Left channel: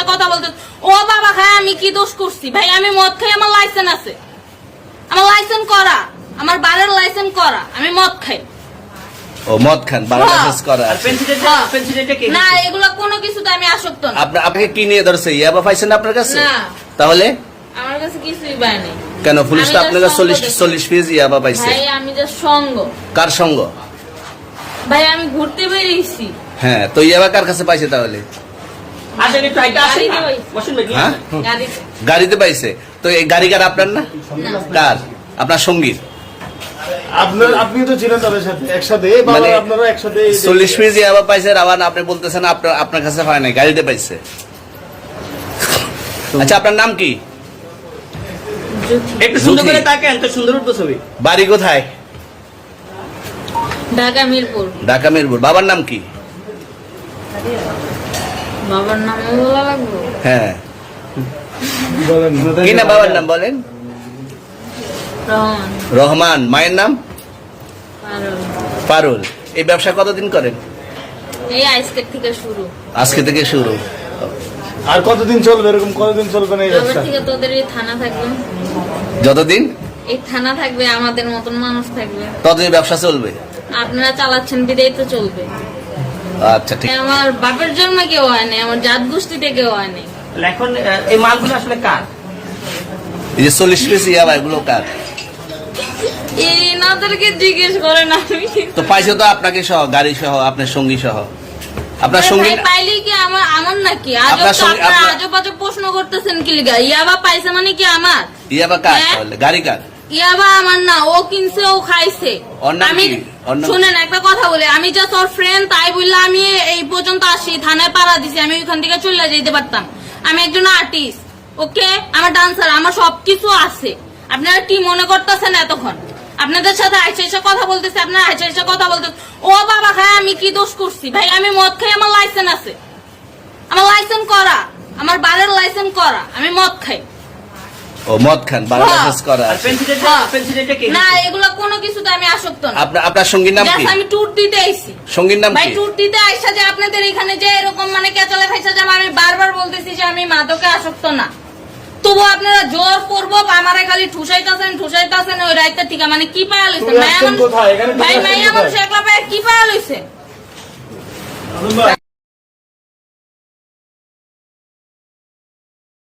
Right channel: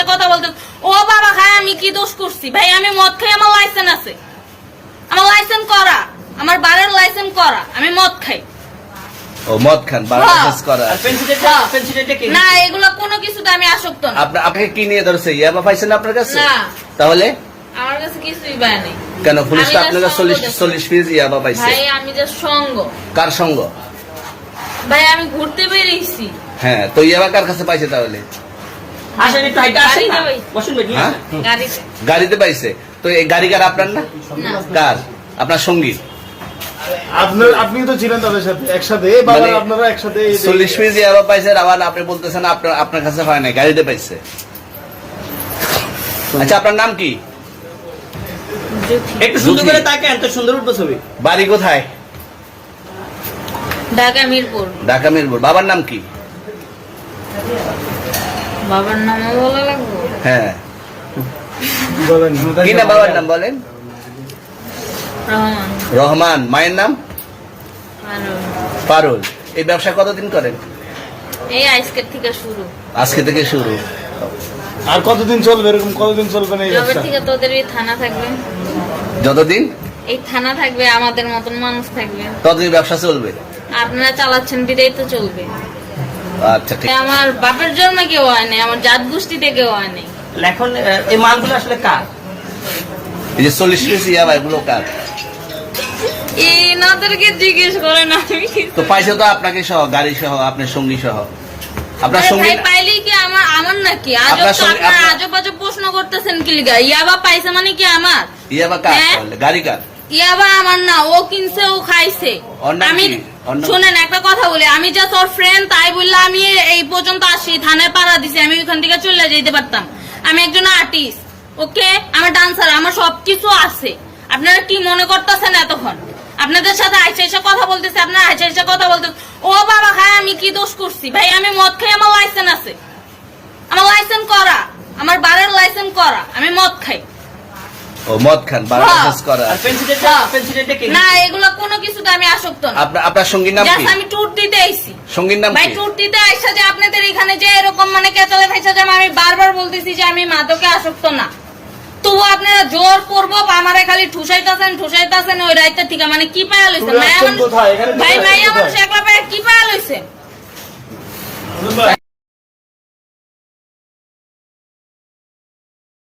এসে কথা বলতে, ও বাবা খায়, আমি কি দোষ করছি ভাই? আমি মদ খাই, আমার লাইসেন্স আছে, আমার লাইসেন্স করা, আমার বারের লাইসেন্স করা, আমি মদ খাই। ও মদ খান, বারের লাইসেন্স করা। না, এগুলো কোনো কিছুতে আমি আসক্ত না। আপনাকে কি নিয়ে ধরছে? ইয়াবা পাইছেন আপনার কাছে? না, তাহলে আমার কাছে কিছুই পায় নাই। কেন পুলিশ তো আপনার কাছে 40 পিস ইয়াবা পাইছে? ভাই আমি যে সঙ্গ। কার সঙ্গ? ভাই আমি ঘুরতে বেরিয়েছি। হ্যাঁ, তো ইয়াবা কার কাছে পাইছে তাহলে? হ্যাঁ? গাড়িতে পাইছে। তো এই গাড়ি কার? আপনার না? কার? আপনার সঙ্গী? আপনি তো ছিলেন তাদের সাথে একসাথে, আপনারা একসাথে 40 পিস ইয়াবা পাইছে, আবার আপনি বলতেছেন আপনার কাছে হয় নাই, গাড়িতে পাইছে। আচ্ছা, আপনার নাম কি? একটু সুন্দর করে তাকান তো, সুন্দর উঠবো ছবি। বাড়ি কোথায়? ঢাকা মিরপুর। ঢাকা মিরপুর। বাবার নাম কি? বাবার নাম বলা লাগবে? হ্যাঁ, বলেন কি না বাবার নাম বলেন? রহমান। রহমান। মায়ের নাম? পারুল। পারুল। এই ব্যবসা কতদিন করেন? এই আজকের থেকে শুরু। আজকে থেকে শুরু। আর কতদিন চলবে? এরকম কতদিন চলবে না এই তবে ব্যবসা? থেকে তোদের এই থানা থাকবে, যতদিন এই থানা থাকবে, আমাদের মতন মানুষ থাকবে, ততদিন ব্যবসা চলবে। আপনারা চালাচ্ছেন বিদায় তো চলবে। আচ্ছা, ঠিক। আমার বাপের জন্মে কেউ হয় নাই, আমার জাত গোষ্ঠীতে কেউ হয় নাই। এখন এই মালগুলো আসলে কার? এই যে 40 পিস ইয়াবা, এগুলো কার? এনাদেরকে জিজ্ঞেস করেন। আমি তো পাইছে তো আপনাকে সহ, গাড়ি সহ, আপনার সঙ্গী সহ। আপনার সঙ্গী পাইলে কি আমার নাকি? আপনার সঙ্গে- আপনার- আজব আজব প্রশ্ন করতেছেন কি লিগা? ইয়াবা পাইছে মানে কি আমার? ইয়াবা কার? হ্যাঁ? তাহলে গাড়ি কার? ইয়াবা আমার না, ও কিনছে, ও খাইছে। ওর নাম আমি কি? ওর নাম- শুনেন একটা কথা বলি, আমি যা তোর ফ্রেন্ড তাই বললে আমি এই পর্যন্ত আসি, থানায় পাড়া দিছি, আমি ওইখান থেকে চলে যেতে পারতাম। আমি একজন আর্টিস্ট, ওকে, আমার ডান্সার, আমার সবকিছু আছে। আপনারা কি মনে করতেছেন এতক্ষণ? আপনাদের সাথে আইসা এসে কথা বলতেছে, আপনারা আইসা এসে কথা বলতেছে, ও বাবা খায়, আমি কি দোষ করছি ভাই? আমি মদ খাই, আমার লাইসেন্স আছে, আমার লাইসেন্স করা, আমার বারের লাইসেন্স করা, আমি মদ খাই। ও মদ খান, বারের লাইসেন্স করা। না, এগুলো কোনো কিছুতে আমি আসক্ত না। আপনার সঙ্গীর নাম কি? আমি ট্যুর দিতে আইছি। সঙ্গীর নাম ভাই কি? ট্যুর দিতে আইসা যে আপনাদের এখানে যে এরকম মানে কেচালে খাইছে, যে আমি বারবার বলতেছি যে আমি মাদকে আসক্ত না, তবু আপনারা জোর করবো আমারে খালি ঠুসাইতাছেন ওই রাইতে থেকে। মানে কি পায়া লইছেন? কোথায়? এখানে ভাই মাইয়া মানুষ একলা পায়া কি পায়া লইছে?